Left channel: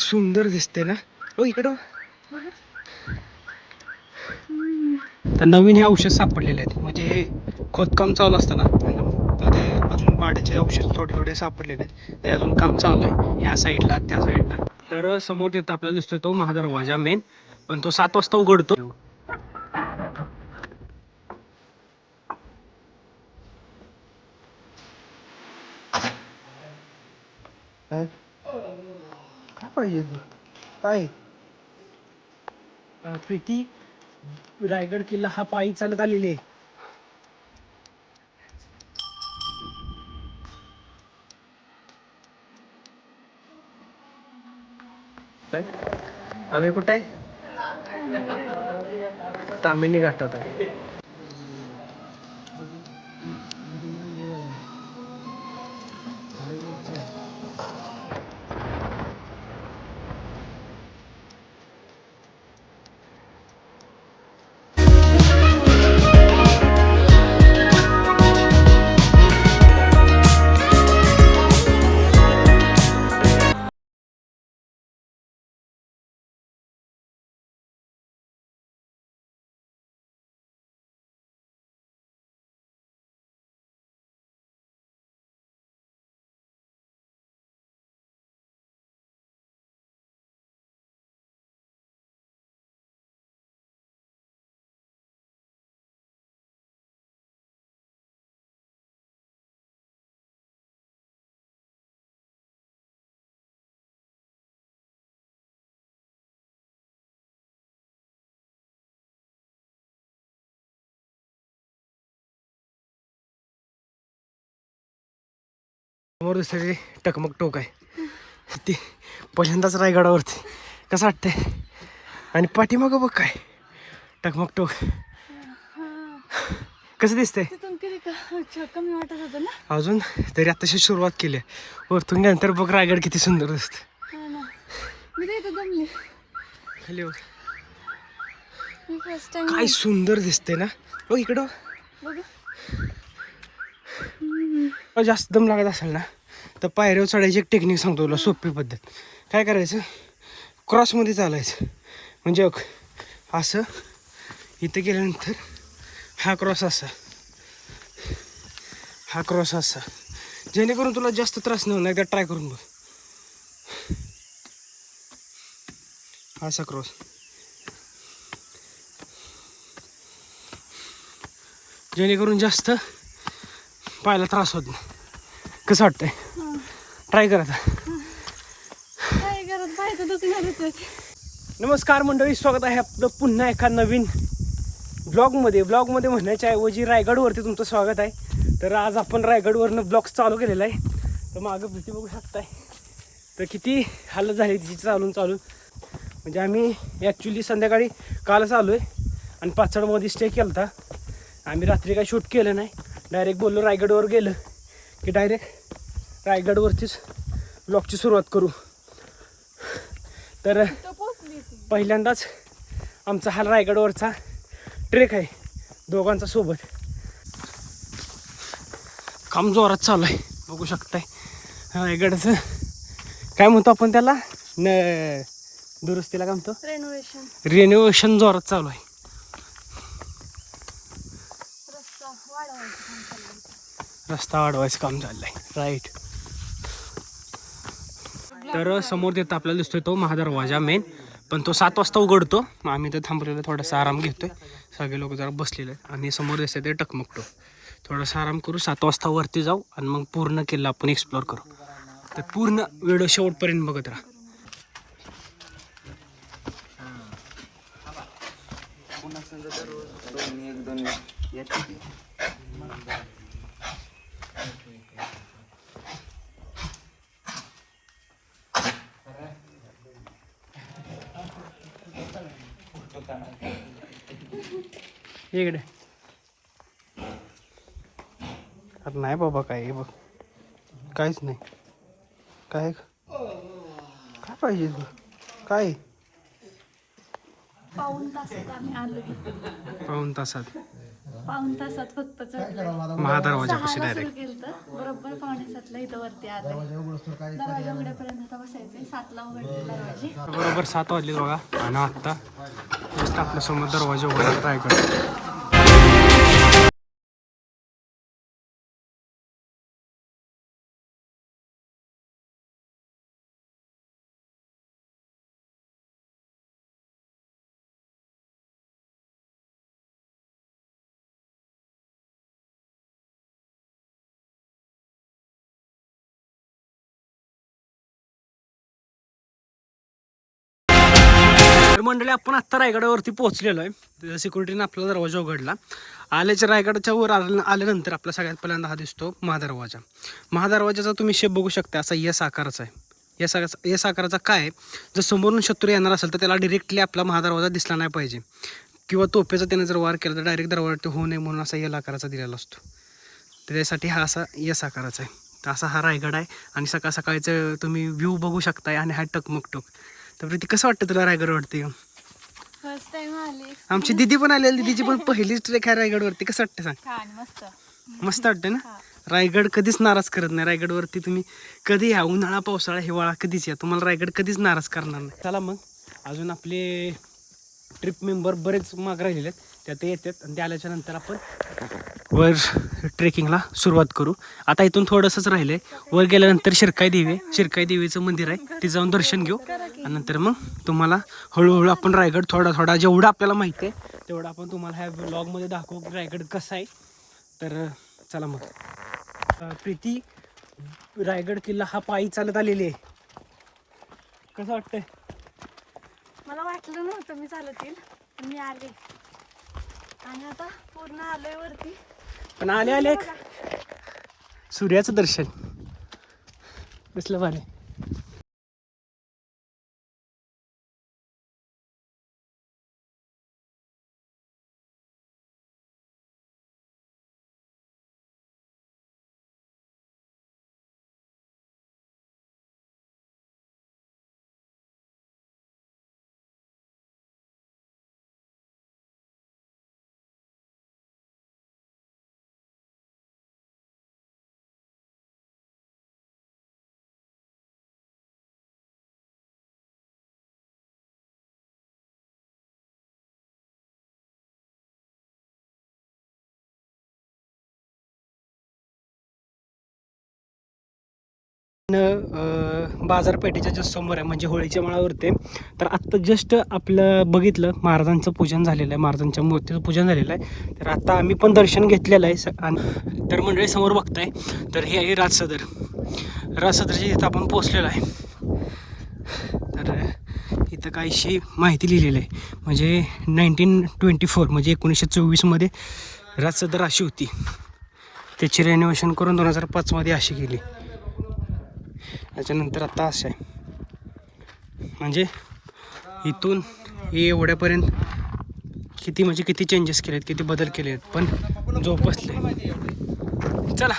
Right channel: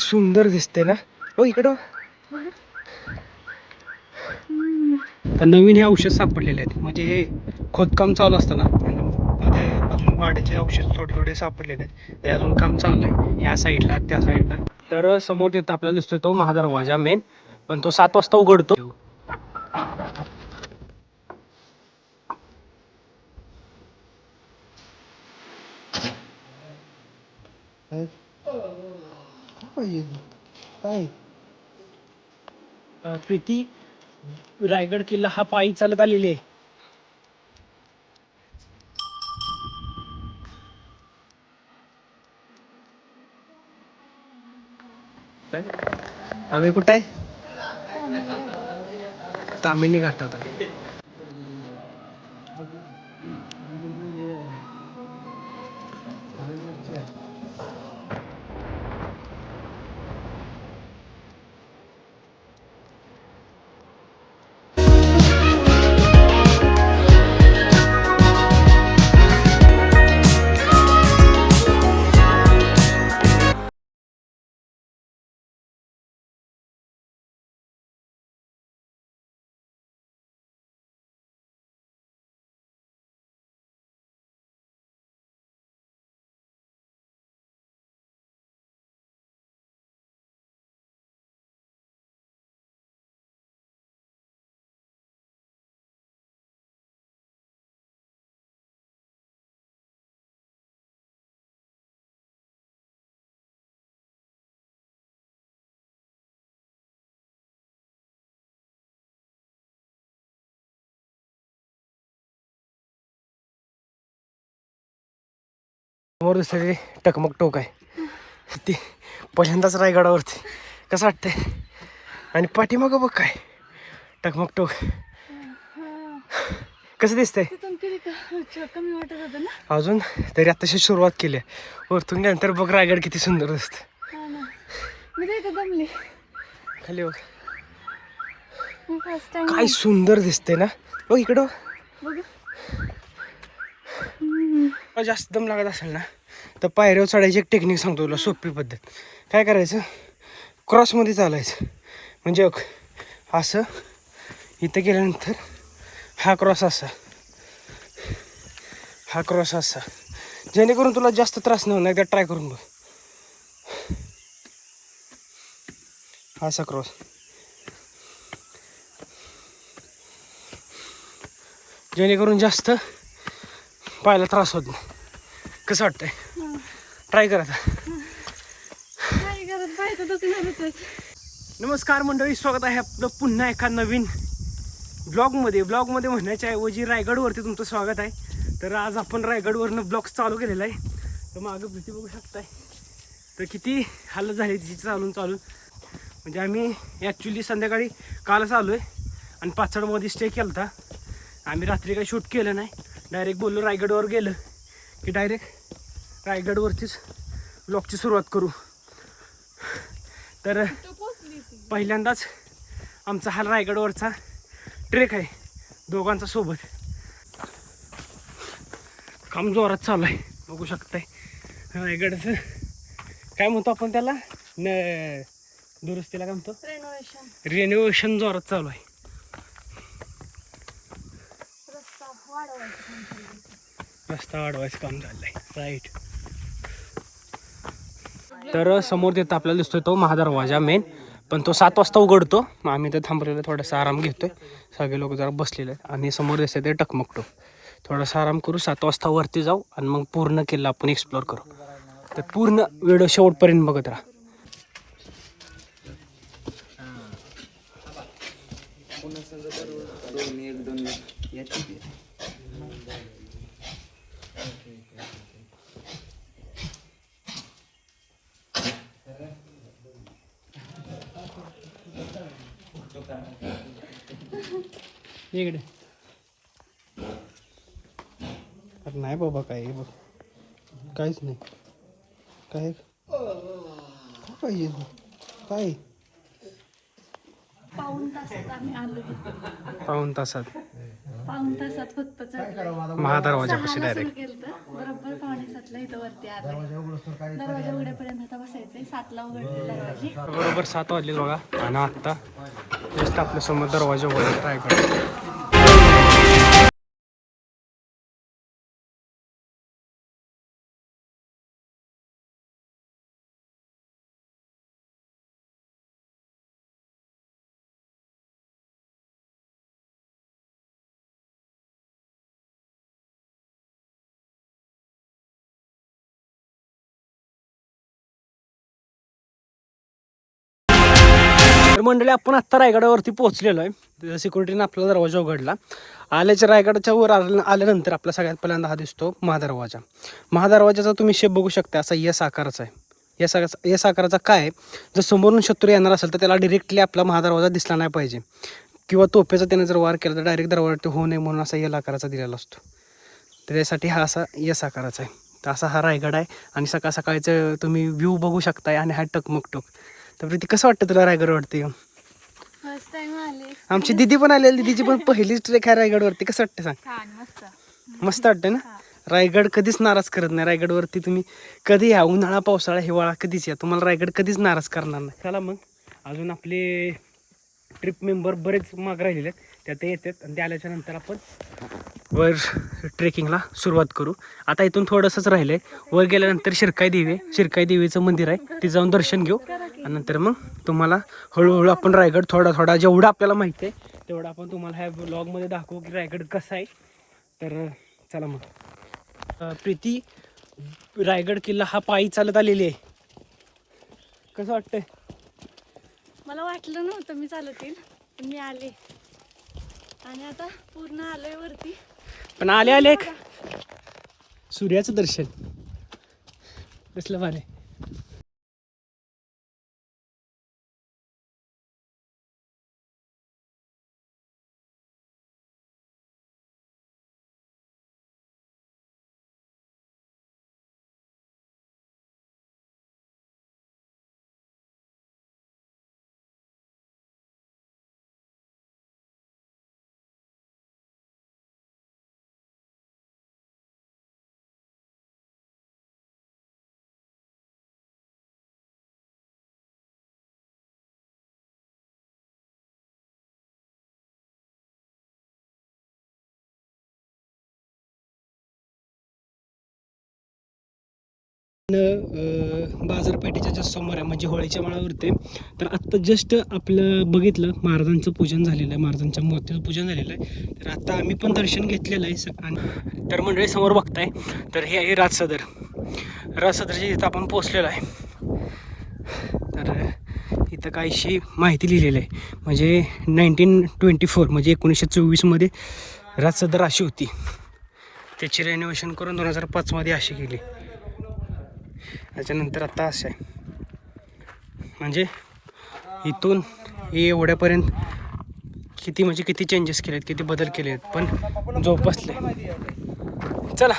सुंदर दिसते ना. हो इकडं तर नवीन हे औषध सापडलेले आहेत. म्हणजे हे खोदकाम चालू असताना ते अजून वाढीचे औषध थोडे थोडे सापडलेले आहेत. ते अजून काम चालू आहे. ह्या साईडला त्या साईडला. तर समोर तिथं आपल्याला दिसतोय तो महादरवाजा मेन पण तो सात वाजता उघडतो. पाहिजे काय प्रीती रायगड किल्ला हा पायी चालत आलेली आहे? आम्ही कुठे? आहे तामिनी घाटात आहे. समोर दुसरे टकमक टोक आहे. ते पहिल्यांदाच रायगडावरती. कसं वाटतंय? आणि पाठीमागं बघ काय. टकमक टोक. कसं दिसतंय? अजून तरी आताशी सुरुवात केली आहे. वरतून नंतर बघ रायगड किती सुंदर दिसतं खाली बघ. काय सुंदर दिसते ना. बघ इकडं तुला जास्त दम लागत असेल ना तर पायऱ्यावर चढायची एक टेक्निक सांगतो तुला सोपी पद्धत. काय करायचं? क्रॉसमध्ये चालायचं. म्हणजे असं इथं गेल्यानंतर हा क्रॉस असा. हा क्रॉस असा. जेणेकरून तुला जास्त त्रास नाही होणार एकदा ट्राय करून बघ. हा असा क्रॉस जेणेकरून जास्त पायाला त्रास होत नाही. कसं वाटतंय? ट्राय करा नमस्कार मंडळी स्वागत आहे आपलं पुन्हा एका नवीन ब्लॉगमध्ये ब्लॉगमध्ये म्हणण्याच्या ऐवजी रायगडवरती तुमचं स्वागत आहे. तर आज आपण रायगडवरनं ब्लॉग चालू केलेला आहे. तर मागं भीती बघू शकताय. तर किती हालत झाली तिची चालून चालून. म्हणजे आम्ही ॲक्च्युली संध्याकाळी कालच आलो आहे आणि पाचडमध्ये स्टे केला होता आम्ही रात्री काही शूट केलं नाही. डायरेक्ट बोललो रायगडवर गेलं की डायरेक्ट रायगडवरतीच ब्लॉगची सुरुवात करू. तर पहिल्यांदाच आमचा हा रायगडवरचा ट्रेक आहे दोघांचा सोबत. काम जोरात चालू आहे बघू शकताय. रायगडचं काय म्हणतो आपण त्याला? न दुरुस्तीला काय म्हणतो? रेनोव्हेशन रिनोव्हेशन जोरात चालू आहे रस्ता वाढवायचं काम चाललंय. रस्ता वाढवायचं काम चाललंय. राईट तर समोर तिथं आपल्याला दिसतोय तो महादरवाजा मेन पण तो सात वाजता उघडतो. मग आम्ही तर थांबलेलो थोडासा आराम घेतोय. सगळे लोक जरा बसलेले आणि समोर दिसतोय ते टकमकटो. थोडासा आराम करू सात वाजता वरती जाऊ आणि मग पूर्ण किल्ला आपण एक्सप्लोअर करू. तर पूर्ण व्हिडिओ शेवटपर्यंत बघत राहा. इकडे. अरे नाही बाबा काय हे बघ. काहीच नाही. काय? काय पाहिजे तू? काय? पाऊण तासात आम्ही आलोय. पाऊन तासात. पाऊन तासात फक्त चढलोय. महादरवाजापाशी सहाला डायरेक्ट सुरू केलं बरोबर पावणे सातला इथं वरती दरवाजा आता बसायचंय. सातला उघडते दरवाजे. बरोबर सात वाजले बघा. आणि आत्ता जस्ट आपल्यासमोर दरवाजा उघडायला ट्राय करतो तर मंडळी आपण आत्ता रायगडावरती पोहोचलेलो आहे. सिक्युरिटीने आपला दरवाजा उघडला. आल्याच्या रायगडाच्या वर आल्या- आल्यानंतर आपला सगळ्यात पहिल्यांदा हा दिसतो महादरवाजा. महादरवाजाचा तुम्ही शेप बघू शकता असा यस आकाराचा आहे. यस आकार यस आकाराचा काय आहे? जर समोरून शत्रू येणार असेल तर त्याला डिरेक्टली आपला महादरवाजा दिसला नाही पाहिजे. किंवा तोफेचा त्याने जर वार केला तर डायरेक्ट दरवाजा होऊ नये म्हणून असा यल आकाराचा दिलेला असतो. त्याच्यासाठी हा असा यस आकाराचा आहे. तर असा हा रायगड आहे. आणि सकाळ सकाळचं तुम्ही व्ह्यू बघू शकताय आणि हा टकमकटक. तर प्रीती कसं वाटतं तुला रायगड वाटते फर्स्ट टाइम आले. आमची दिदी पण आलेली दिदीची पण पहिलीच ट्रेक आहे रायगडवरती. कसं वाटतं सांग? छान मस्त. मस्त वाटतं ना? रायगड कधीच नाराज करत नाही. रायगडवरती तुम्ही कधी या? उन्हाळा पावसाळा हिवाळा कधीच या? तुम्हाला रायगड कधीच नाराज करणार नाही. चला मग. अजून आपले ट्रिप मेंबर बरेच माग राहिलेले आहेत. त्या ते येतात. आणि ते आल्याच्यानंतर आपण वर ट्रेकिंगला सुरुवात करू. आता इथून थोडंसंच राहिलंय. वर गेल्यानंतर शिरकाई देवी आहे. शिरकाई देवीचं मंदिर आहे. ते जाऊन दर्शन घेऊ. आणि नंतर मग तुम्हाला हळूहळू आपण रायगड थोडा थोडा जेवढा आपल्याला माहिती आहे तेवढं आपण तुम्हाला ह्या ब्लॉगमध्ये दाखवू की रायगड कसा आहे. तर चला मग. प्रीती रायगड किल्ला हा पायी चालत आलेली आहे. कसं वाटतंय? मला वाटलं नव्हतं मी चालत येईल पण मी आले. आणि आता पूर्ण आलोय वरती. पण आले आले सूर्याचं दर्शन. कसलं भारी. बाजारपेठेच्या जस्ट समोर आहे म्हणजे होळीच्या माळावरती तर आत्ता जस्ट आपलं बघितलं महाराजांचं पूजन झालेलं आहे महाराजांच्या मूर्तीचं पूजन झालेलं आहे. तर आता आम्ही पण दर्शन घेतलेलं आहे स- आणि- तर मंडळी समोर बघताय तर हे आहे राजसदर राजसदरच्या तिथं आपण पोचलेलं आहे. तर इथं काहीशी माहिती लिहिलेली आहे. म्हणजे नाईन्टीन ट्वेंटी फोर म्हणजे एकोणीसशे चोवीसमध्ये राजसदर अशी होती. त्याची रेनोव्हेशन करून दोन हजार पाचमध्ये अशी केली. त्याच्यानंतर आत्ता असं आहे. म्हणजे इथून हे एवढ्यापर्यंत किती म्हणजे किती चेंजेस केले आहेत किती बदल केले आहेत पण जोपासले. चला.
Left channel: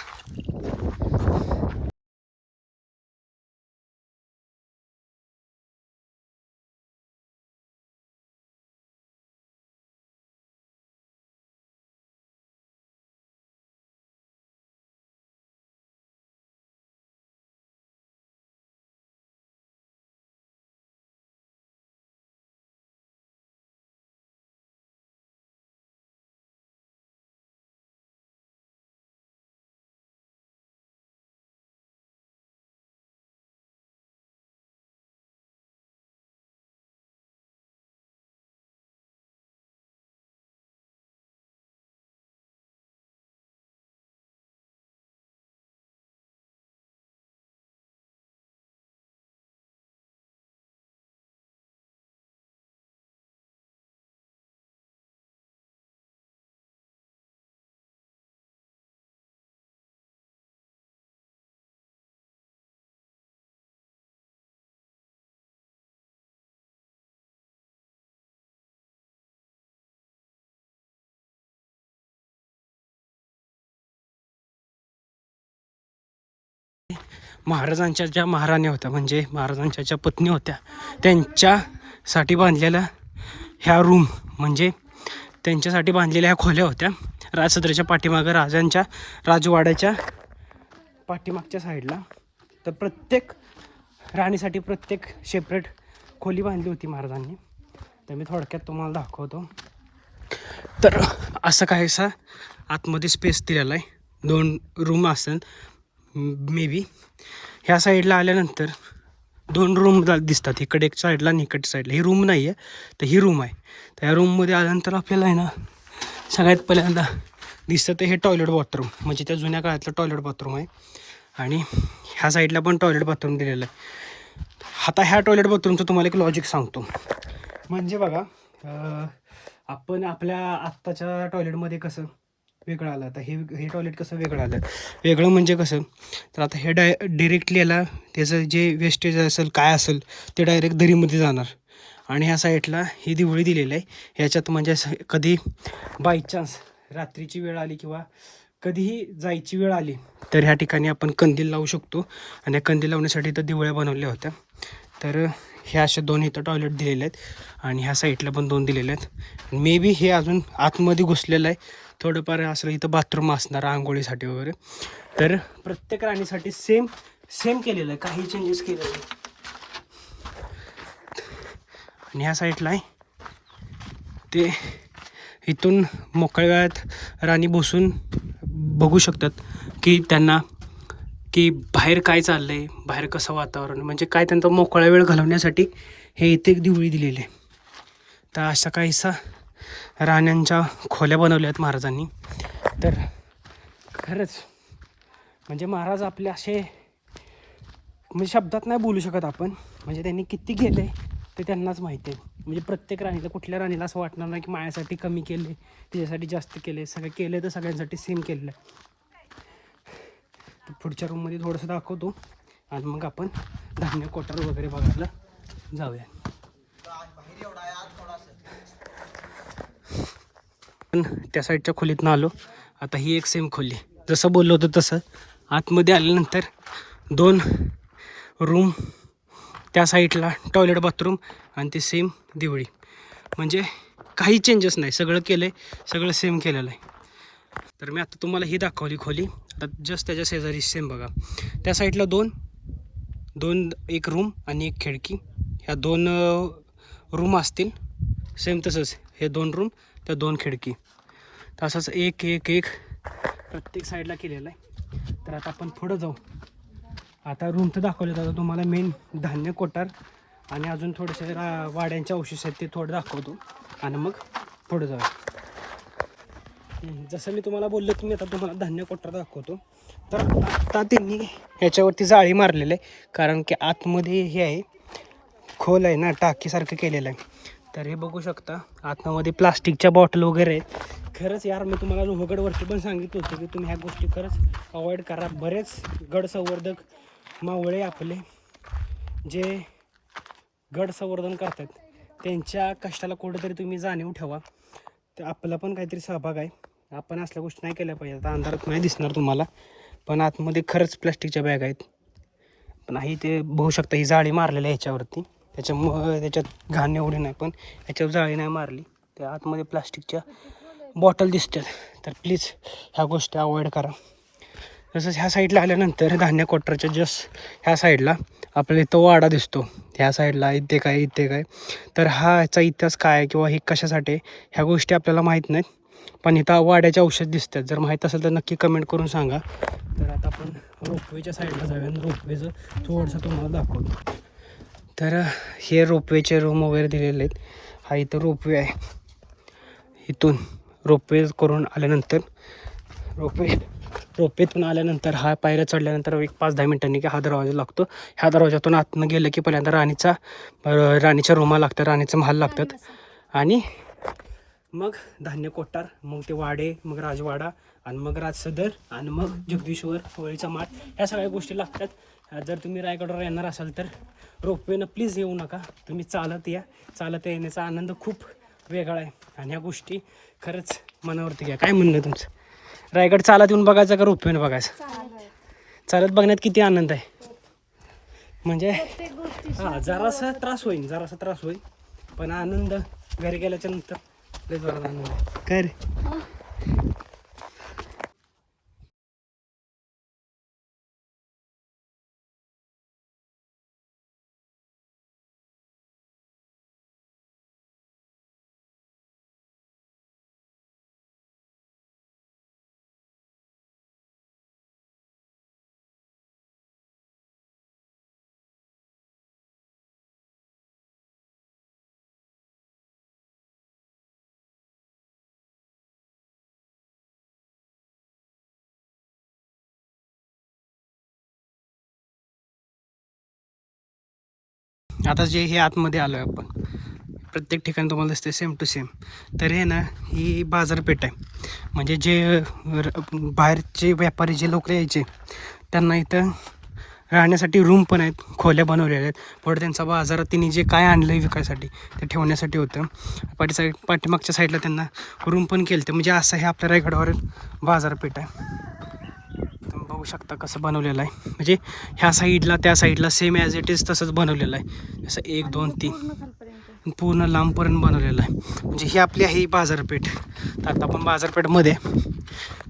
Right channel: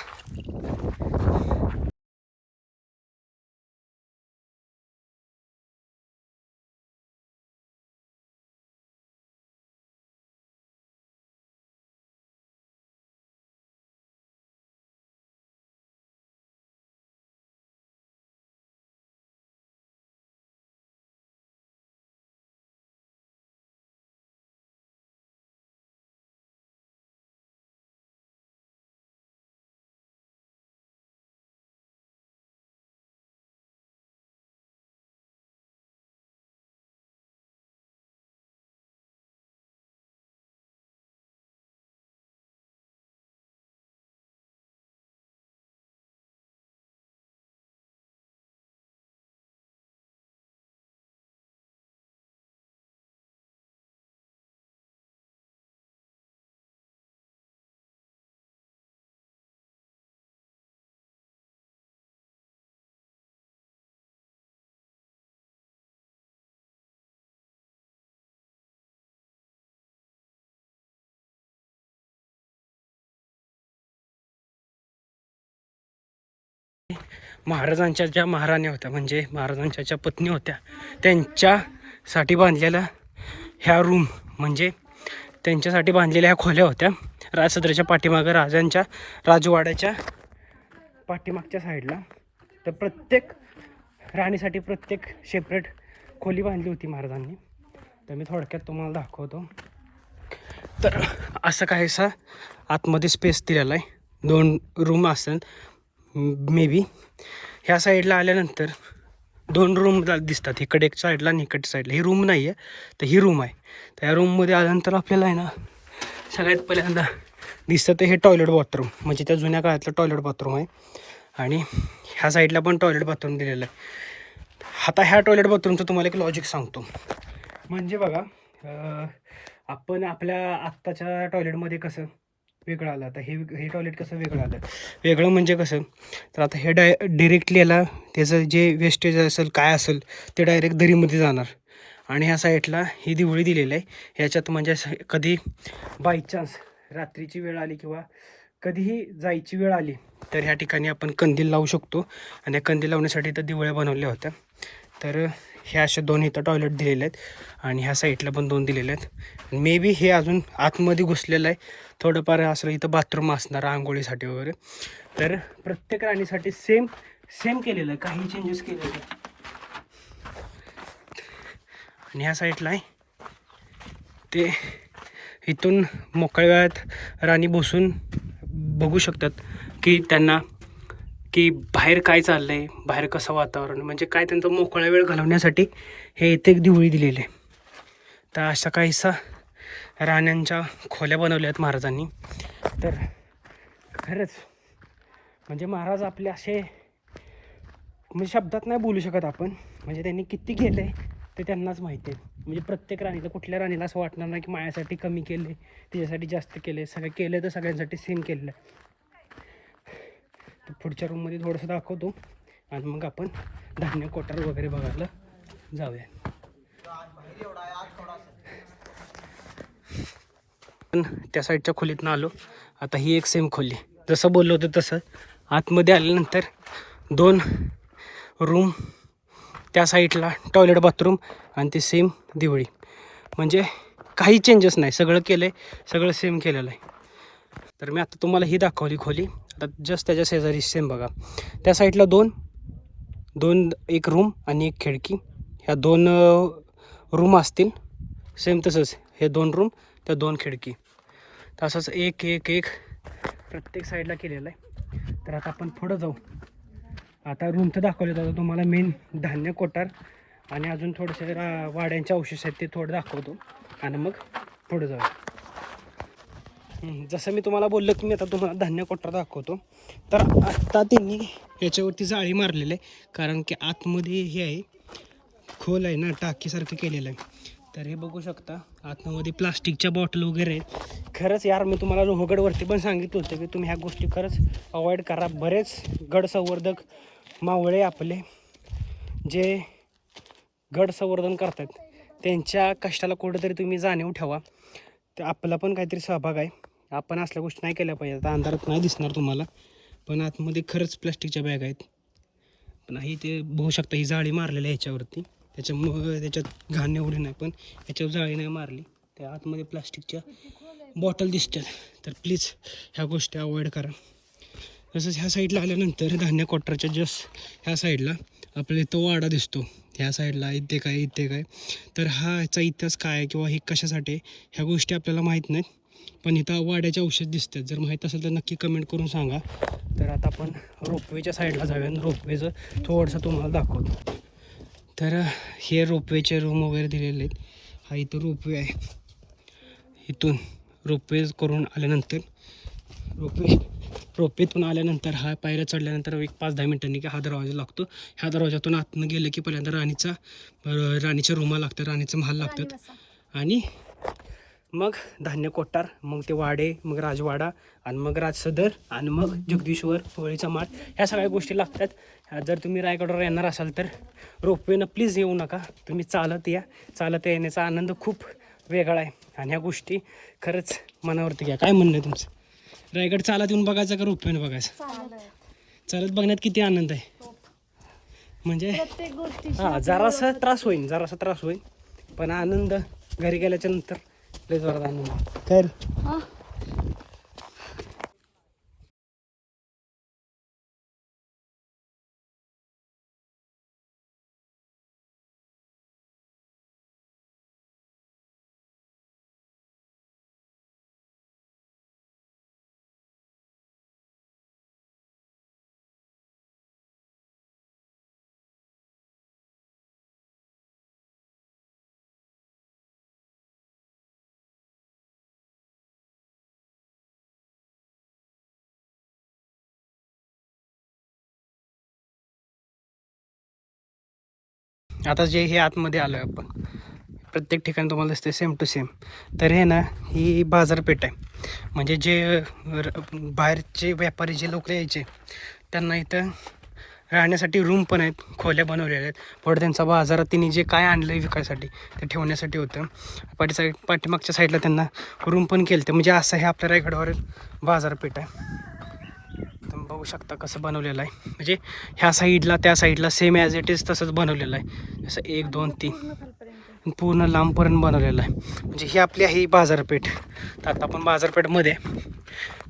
महाराजांच्या ज्या महाराण्या होत्या म्हणजे महाराजांच्या ज्या पत्नी होत्या त्यांच्यासाठी बांधलेल्या ह्या रूम म्हणजे त्यांच्यासाठी बांधलेल्या ह्या खोल्या होत्या. राजसदऱ्याच्या पाठीमागं राजांच्या राजवाड्याच्या पाठीमागच्या साईडला तर प्रत्येक राणीसाठी प्रत्येक सेपरेट खोली बांधली होती महाराजांनी. तर मी थोडक्यात तुम्हाला दाखवतो. तर असं काहीसा आतमध्ये स्पेस दिलेला आहे. दोन रूम असेल. मे बी ह्या साईडला आल्यानंतर दोन रूम दिसतात. इकडे एक साईडला आणि इकडच्या साईडला ही रूम नाही आहे तर ही रूम आहे. तर या रूममध्ये आल्यानंतर आपल्याला आहे ना सगळ्यात पहिल्यांदा दिसतं हे टॉयलेट बाथरूम म्हणजे त्या जुन्या काळातलं टॉयलेट बाथरूम आहे. आणि ह्या साईडला पण टॉयलेट बाथरूम दिलेलं आहे. आता ह्या टॉयलेट बाथरूमचं तुम्हाला एक लॉजिक सांगतो. म्हणजे बघा आपण आपल्या आत्ताच्या टॉयलेटमध्ये कसं वेगळं आलं. आता हे हे टॉयलेट कसं वेगळं आलं? वेगळं म्हणजे कसं? तर आता हे डाय डिरेक्टली याला त्याचं जे वेस्टेज असेल काय असेल ते डायरेक्ट दरीमध्ये जाणार. आणि ह्या साईडला ही दिवळी दिलेली आहे. ह्याच्यात म्हणजे असं कधी बाय चान्स रात्रीची वेळ आली किंवा कधीही जायची वेळ आली तर ह्या ठिकाणी आपण कंदील लावू शकतो. आणि या कंदील लावण्यासाठी तर दिवळ्या बनवल्या होत्या. तर ह्या अशा दोन इथं टॉयलेट दिलेले आहेत. आणि ह्या साईडला पण दोन दिलेले आहेत. मे बी हे अजून आतमध्ये घुसलेलं आहे. थोडंफार असं इथं बाथरूम असणार आंघोळीसाठी वगैरे. तर प्रत्येक राणीसाठी सेम सेम केलेलं आहे काही चेंजेस केलेलं. आणि ह्या साईडला आहे. ते इथून मोकळ्या वेळात राणी बसून बघू शकतात की त्यांना की बाहेर काय चाललं आहे बाहेर कसं वातावरण म्हणजे काय त्यांचा मोकळा वेळ घालवण्यासाठी हे इथे एक दिवळी दिलेली आहे. तर असा काहीसा राण्यांच्या खोल्या बनवल्या आहेत महाराजांनी. तर खरंच म्हणजे महाराज आपले असे म्हणजे शब्दात नाही बोलू शकत आपण. म्हणजे त्यांनी किती केले ते त्यांनाच माहिती आहे. म्हणजे प्रत्येक राणीला कुठल्या राणीला असं वाटणार नाही की माझ्यासाठी कमी केले तिच्यासाठी जास्त केले सगळं केलं तर सगळ्यांसाठी सेम केलेलं आहे तर पुढच्या रूममध्ये थोडंसं दाखवतो. आणि मग आपण धान्य कोटार वगैरे बघायला जाऊया. पण त्या साईडच्या खोलीतनं आलो. आता ही एक सेम खोली. जसं बोललो होतं तसं. आतमध्ये आल्यानंतर दोन रूम त्या साईडला टॉयलेट बाथरूम आणि ते सेम दिवळी. म्हणजे काही चेंजेस नाही. सगळं केलं आहे सगळं सेम केलेलं आहे. तर मी आता तुम्हाला ही दाखवली खोली. आता जस्ट त्याच्या शेजारी सेम बघा. त्या साईडला दोन दोन एक रूम आणि एक खिडकी. ह्या दोन रूम असतील. सेम तसंच. हे दोन रूम त्या दोन खिडकी. तसंच एक एक एक प्रत्येक साईडला केलेलं आहे. तर आता आपण पुढं जाऊ. आता रूम तर दाखवले जातं तुम्हाला मेन धान्य कोटार आणि अजून थोडेसे रा वाड्यांचे अवशेष आहेत ते थोडं दाखवतो. आणि मग पुढं जाऊ. जसं मी तुम्हाला बोललो की मी आता तुम्हाला धान्य कोटार दाखवतो. तर आत्ता त्यांनी ह्याच्यावरती जाळी मारलेलं आहे. कारण की आतमध्ये हे आहे खोल आहे ना टाकीसारखं केलेलं आहे. तर हे बघू शकता. आतमध्ये प्लास्टिकच्या बॉटल वगैरे आहेत. खरंच यार मी तुम्हाला लोहगडवरती पण सांगितलं होतं की तुम्ही ह्या गोष्टी खरंच अवॉइड करा. बरेच गड संवर्धक मावळे आपले जे गड संवर्धन करतात त्यांच्या कष्टाला कुठेतरी तुम्ही जाणीव ठेवा. तर आपला पण काहीतरी सहभाग आहे. आपण असल्या गोष्टी नाही केल्या पाहिजे आता अंधारात नाही दिसणार तुम्हाला पण आतमध्ये खरंच प्लास्टिकच्या बॅग आहेत. पण ही ते बघू शकता ही जाळी मारलेली आहे ह्याच्यावरती. त्याच्यामुळं त्याच्यात घाण एवढी नाही पण ह्याच्यावर जाळी नाही मारली. त्या आतमध्ये प्लास्टिकच्या बॉटल दिसतात. तर प्लीज ह्या गोष्टी अवॉइड करा. तसंच ह्या साईडला आल्यानंतर धान्य कोटरच्या जस्ट ह्या साईडला आपल्याला इथं वाडा दिसतो. ह्या साईडला इथे काय इथे काय. तर हा ह्याचा इतिहास काय आहे किंवा हे कशासाठी ह्या गोष्टी आपल्याला माहीत नाहीत. पण इथं वाड्याचे औषध दिसतात. जर माहीत असेल तर नक्की कमेंट करून सांगा. तर आता आपण रोपवेच्या साईडला जाऊया आणि रोपवेचं थोडंसं तुम्हाला दाखवतो. तर हे रोपवेचे रूम वगैरे दिलेले आहेत. हा इथं रोपवे आहे. इथून रोपवे करून आल्यानंतर रोपवे रोपेतून आल्यानंतर हा पायऱ्या चढल्यानंतर एक पाच दहा मिनिटांनी की हा दरवाजा लागतो. ह्या दरवाजातून आतनं गेलं की पहिल्यांदा राणीचा राणीच्या रूमा लागतात राणीचं महाल लागतात. आणि मग धान्य कोठार मग ते वाडे मग राजवाडा आणि मग राजसदर आणि मग जगदीश्वर होळीचा माठ ह्या सगळ्या गोष्टी लागतात. ह्या जर तुम्ही रायगडवर येणार असाल तर रोपवेनं प्लीज येऊ नका. तुम्ही चालत या. चालत येण्याचा आनंद खूप वेगळा आहे. आणि ह्या गोष्टी खरंच मनावरती घ्या. काय म्हणणं आहे तुमचं? रायगड चालत येऊन बघायचं का रोपवेनं बघायचं? चालत बघण्यात किती आनंद आहे. म्हणजे हां जरासा त्रास होईल जरासा त्रास होईल पण आनंद घरी गेल्याच्यानंतर लय जोरात आनंद आहे. काय रे आता जे हे आतमध्ये आलो आहे आपण प्रत्येक ठिकाणी तुम्हाला दिसते सेम टू सेम तर हे ना ही बाजारपेठ आहे. म्हणजे जे र- बाहेरचे व्यापारी जे लोक यायचे त्यांना इथं राहण्यासाठी रूम पण आहेत खोल्या बनवलेल्या आहेत. पुढे त्यांचा बाजारात त्यांनी जे काय आणलं आहे विकायसाठी ते ठेवण्यासाठी होतं. पाठी साईड पाठीमागच्या साईडला त्यांना रूम पण केलं ते म्हणजे असं हे आपल्या रायगडावर बाजारपेठ आहे. बघू शकता कसं बनवलेलं आहे. म्हणजे ह्या साईडला त्या साईडला सेम ॲज इट इज तसंच बनवलेलं आहे. जसं एक दोन तीन. पूर्ण लांबपर्यंत बनवलेलं आहे. म्हणजे ही आपली आहे बाजारपेठ. तर आता आपण बाजारपेठमध्ये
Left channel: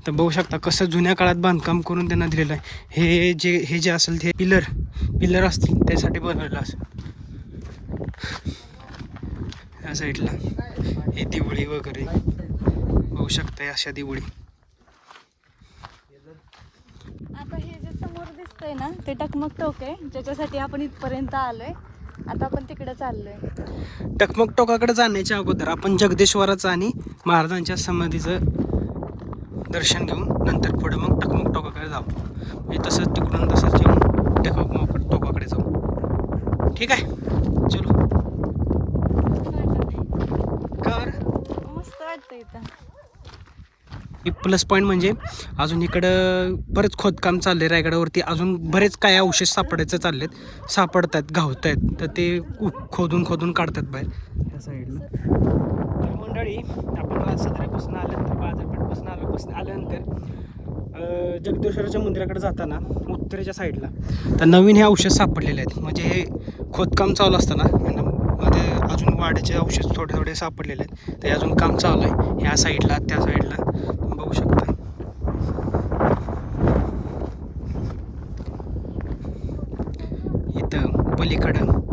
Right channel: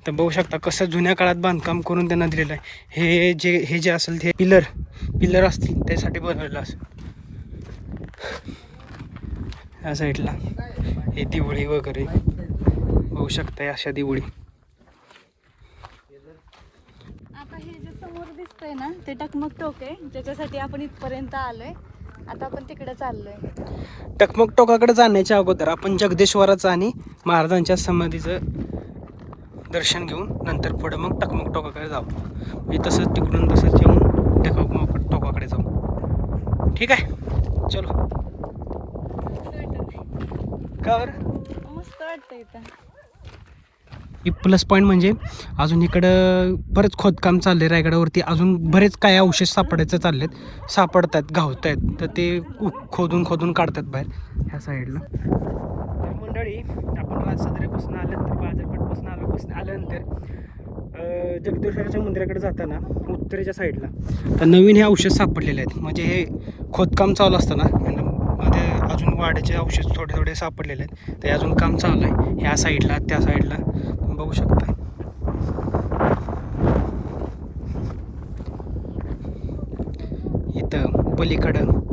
तर बघू शकता कसं जुन्या काळात बांधकाम करून त्यांना दिलेलं आहे. हे जे हे जे असेल ते पिलर पिलर असतील त्यासाठी बनवलेलं असेल या साईडला. हे दिवळी वगैरे. बघू शकता अशा दिवळी. आता हे जे समोर दिसतंय ना ते टकमक टोक आहे. ज्याच्यासाठी आपण इथपर्यंत आलोय. आता आपण तिकडे चाललोय. टकमक टोकाकडे जाण्याच्या अगोदर आपण जगदेश्वराचं आणि महाराजांच्या समाधीचं दर्शन घेऊन नंतर पुढे मग टकमक टोकाकडे जाऊ. म्हणजे तसंच तिकडून तसंच येऊन टकमक टोकाकडे जाऊ. ठीक आहे? चलो. मस्त वाटत का मस्त वाटतं इथं. प्लस पॉईंट म्हणजे अजून इकडं बरंच खोदकाम चाललं आहे रायगडावरती. अजून बरेच काय अवशेष सापडायचं चाललेत सापडतात गावत आहेत तर ते खोदून खोदून काढतात बाहेर ह्या साईडला मंडळी आपण सदरेपासून आल्यानंतर बाजारपेठपासून आल्यापासून आल्यानंतर जगदेश्वराच्या मंदिराकडे जाताना उत्तरेच्या साईडला तर नवीन हे अवशेष सापडलेले आहेत. म्हणजे हे खोदकाम चालू असताना यांना मध्ये अजून वाढीचे अवशेष थोडे थोडे सापडलेले आहेत. ते अजून काम चालू आहे. ह्या साईडला त्या साईडला बघू शकता इथं पलीकडं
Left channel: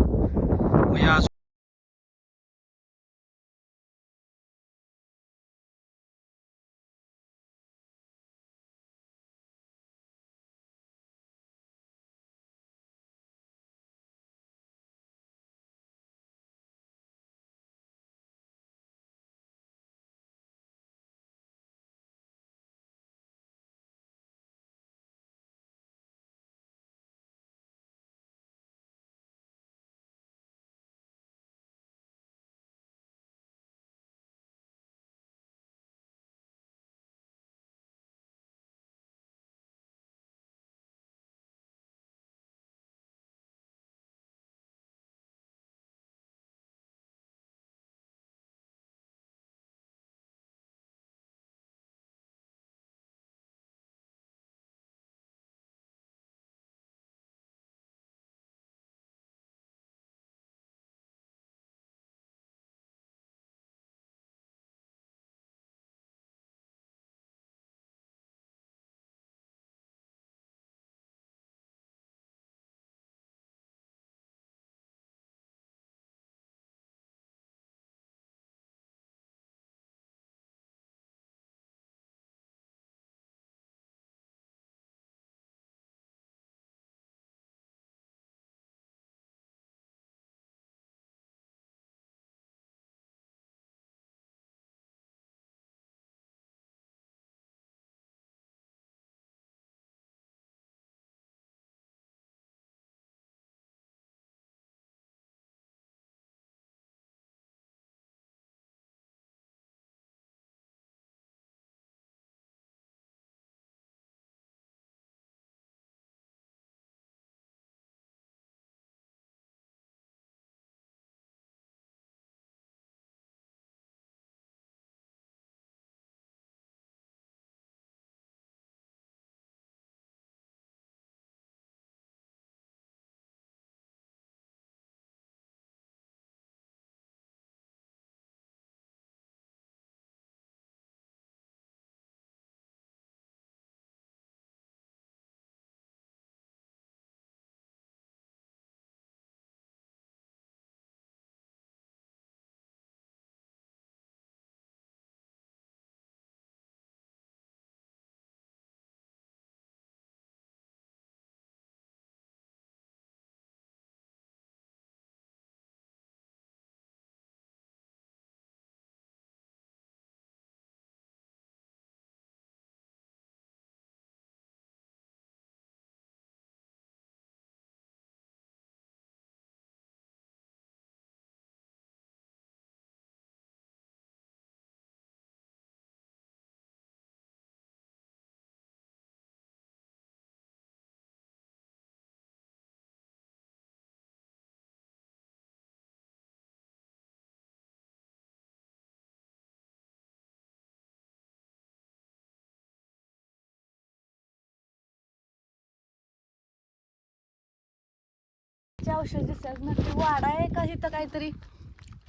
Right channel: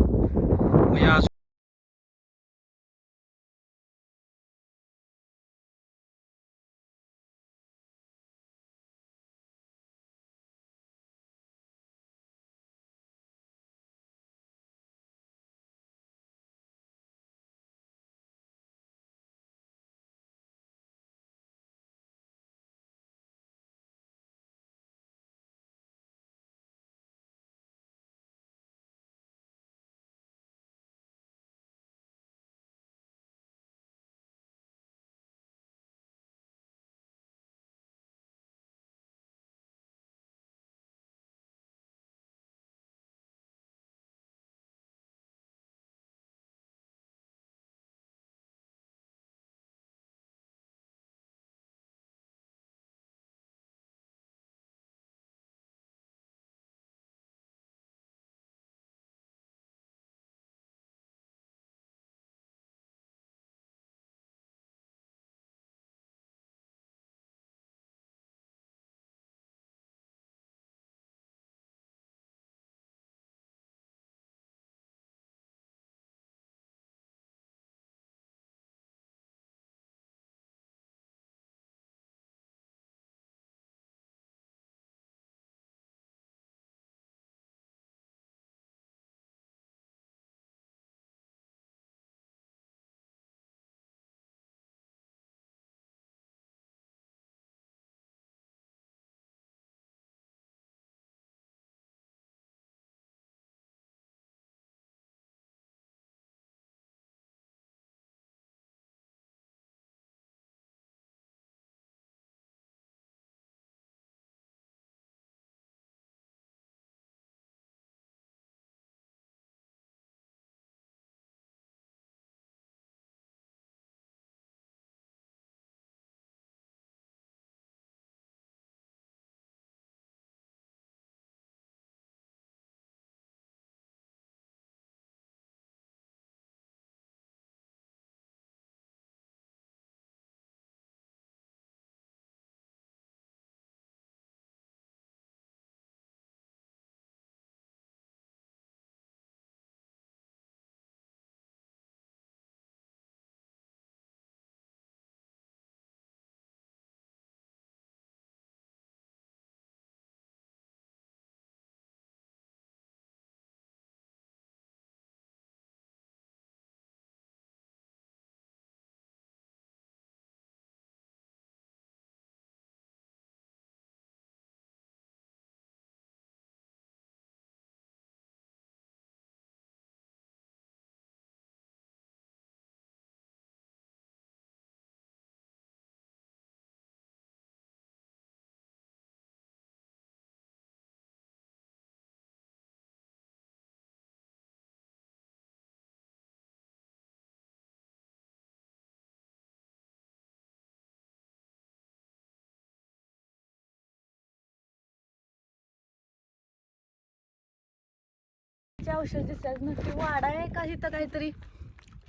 चे औषध दिसतात नक्की वाडा आहे का? इथं काहीतरी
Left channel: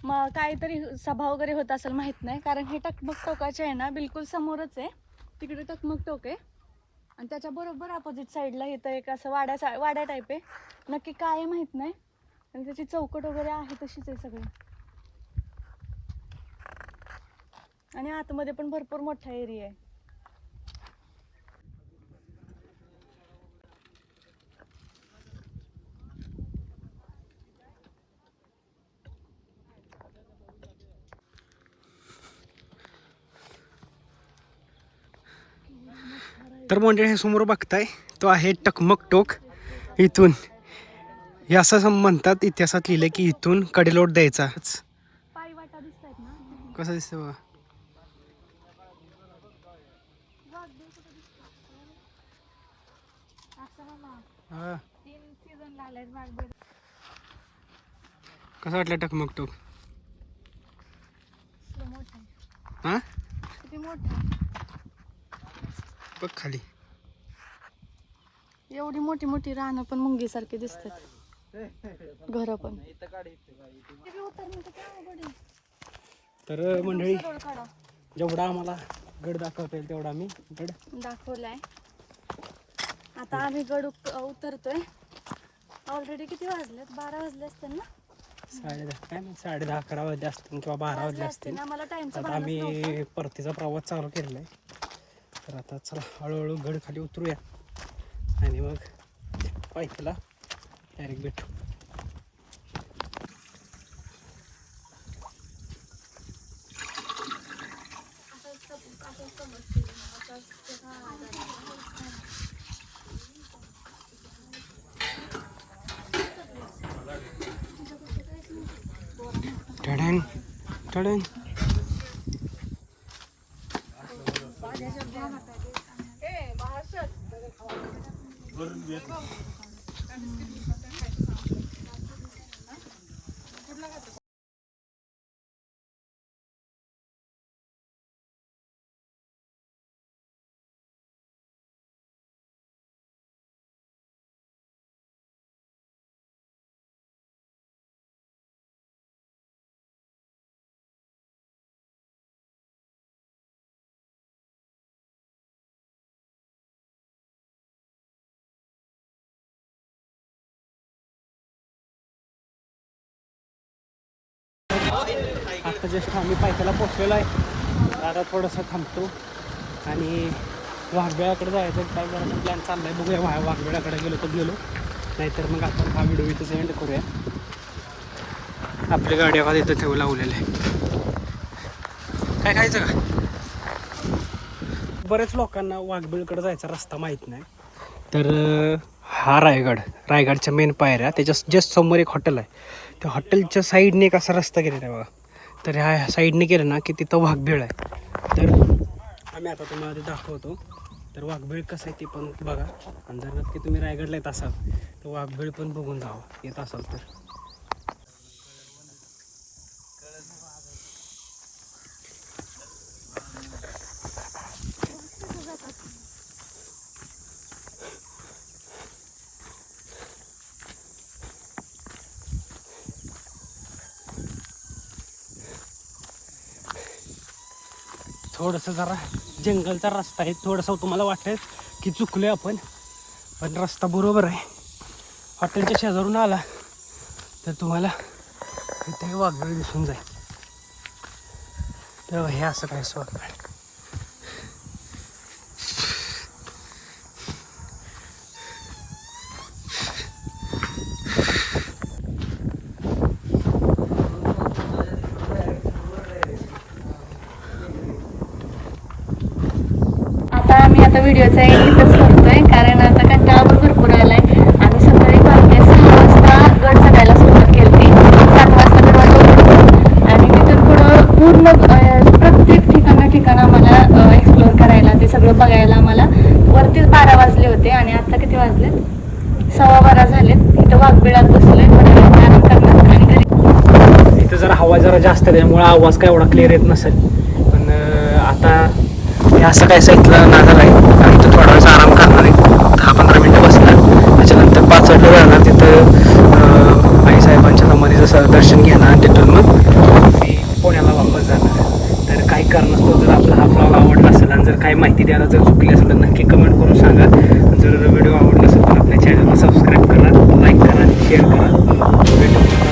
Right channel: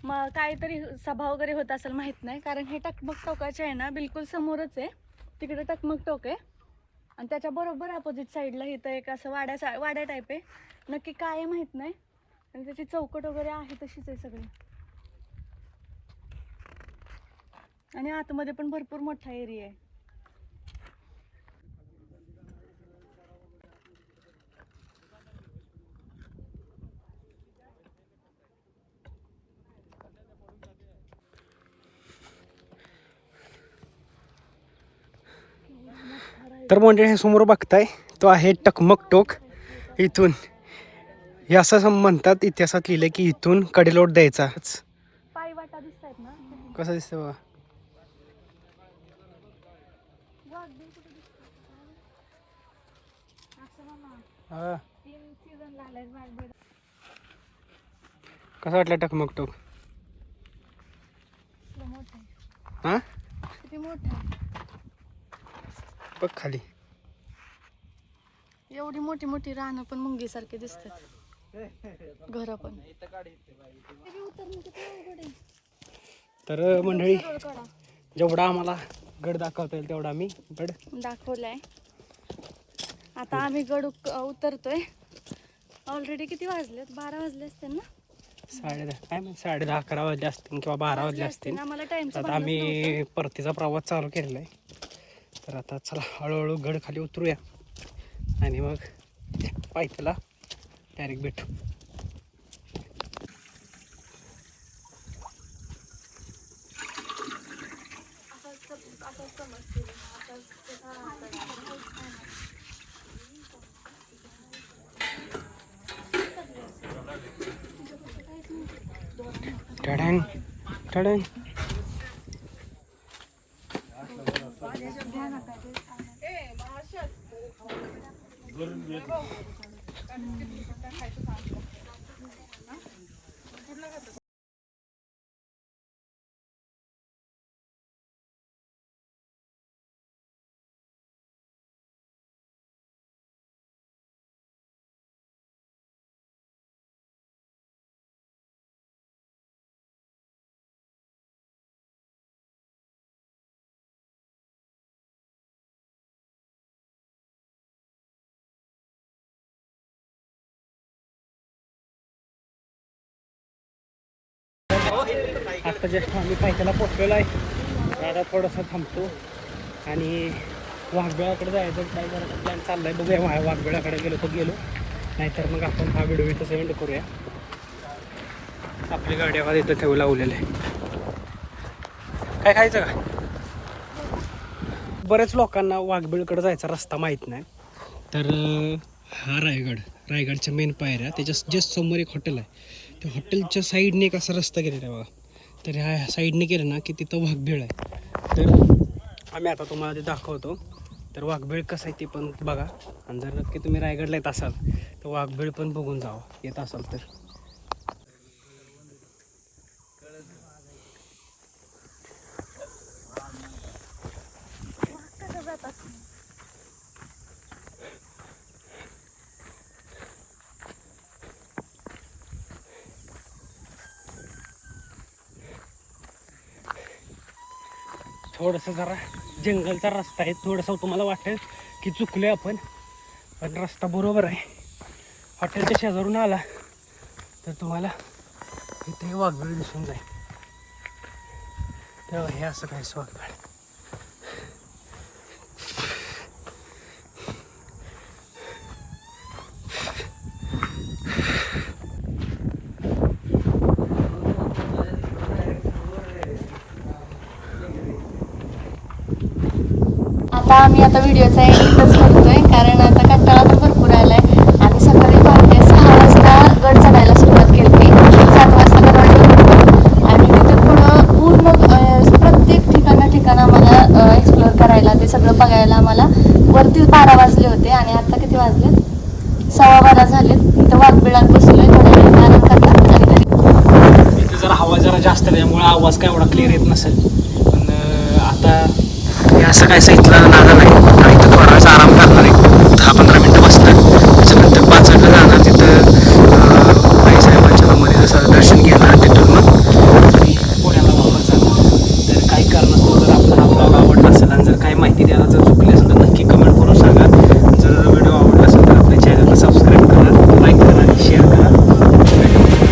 मग काहीतरी सभा वगैरे होत असेल माहीत नाही. कारण हे टकमक टोकाचे आहे ना बिलकुल समोरच आहे. तिकडे टकमक टोक आहे. आणि त्याच्या बरोबर अपोजिट साईडला इथं एक असं वाड्या सा वाड्या टाईप आहे. नक्की काय माहीत नाही. आणि त्याची चौकट वगैरे आहे तशीच आहे सगळी. आणि आतमध्ये पण भरपूर मोठा एरिया आहे. तर म्हणजे हे समोर बघताय तो आहे टकमक टोक. इथून हे असं म्हणतात इतिहासात लिहिलं की इथून कडेलोट द्यायचा. पाय वाटा दिसत आहेत ना कसं दिसतं बघा. वाघबीळ कसं वाटलं टकमक टोक? हा? किती मोठा आहे? बघ खाली. एवढी मोठी मोठी रानं पण मुंगीसारखी दिसतात. घर पण. तर मंडळी जेवढा आम्हाला गड दाखवता येईल तेवढा आम्ही गड दाखवलाय. आता आम्ही गड उतरतोय. ऑलरेडी किती वाजलेत? बारा वाजले असतील ना? साडे दहा काय साडे दहा अकरा वाजले असतील किंवा बारा वाजले असतील आम्ही परतीचा प्रवास चालू केलेला आहे. तर आता चला हळूहळू गड खाली उतरूया. आणि मग पायथ्याला डायरेक्ट भेटू. टडंग टडंग आत्ता जस्ट आम्ही पायथ्याला पोचलेलो आहे. आता थोडंसं थांबतो. आणि वाघबेळाकडे जायचं काय करायचं प्लॅन चाललाय. बघूया वा वाघबेळाकडे गेलो तर गेलो. नाहीतर मग आपण हा व्हिडिओ इथंच एंड करूया. आपल्या गाडी आवाज इथं ठेवू लावलेलं आहे. काय खायचं का? बऱ्याच लोकांना वाघबीळकडे जायचा रस्ता माहीत नाही. तर हा रायगड. रायगडच्या मेन पायऱ्या. त्याच्या जस्ट समोर एक हॉटेल आहे. त्या हॉटेलच्या साईडने एक असा रस्ता गेलेला आहे बघा. तर ह्या साईडने गेलं ना की तिथं वाघबीळ आहे. तर आम्ही आता तुम्हाला ते दाखवतो. तर वाघबीळ कसं आहे ते पण बघा. आणि जर नक्की तुम्ही रायगडला येत असाल तर वाघबीळ पण बघून जावा. येत असाल तर. थोडंसं जरा जंगलचा रस्ता आहे. थोडंसं तुम्हाला वाटेल की चुकले आपण पण रस्ता बरोबर आहे. हॉटेलच्या शेजारून आला तर तुम्हाला इथे वाघळ दिसून जाईल. तेव्हा हे असं काय काय एवढा क्लिअर येत नसेल. पण आता मी असं काय सांगितलं नागाला आहे इथं थोडा वेळेस आराम करणार आहे. दहा पंधरा मिनटं बसणार. त्याच्यानंतर पाच वाजता जाणार तिथं आईसाहेबांच्या नंबरी जसं दर्शन घेणार तिथून मग मी पुण्याला वापस जाणार. तर काही कारणास्तव जर आपला हा ब्लॉग आवडला असेल आणि जर काही माहिती द्यायला जर चुकली असेल तर नक्की कमेंट करून सांगा. जर व्हिडिओ आवडला असेल तर आपल्या चॅनलला सबस्क्राईब करा लाईक करा शेअर करा. भेटू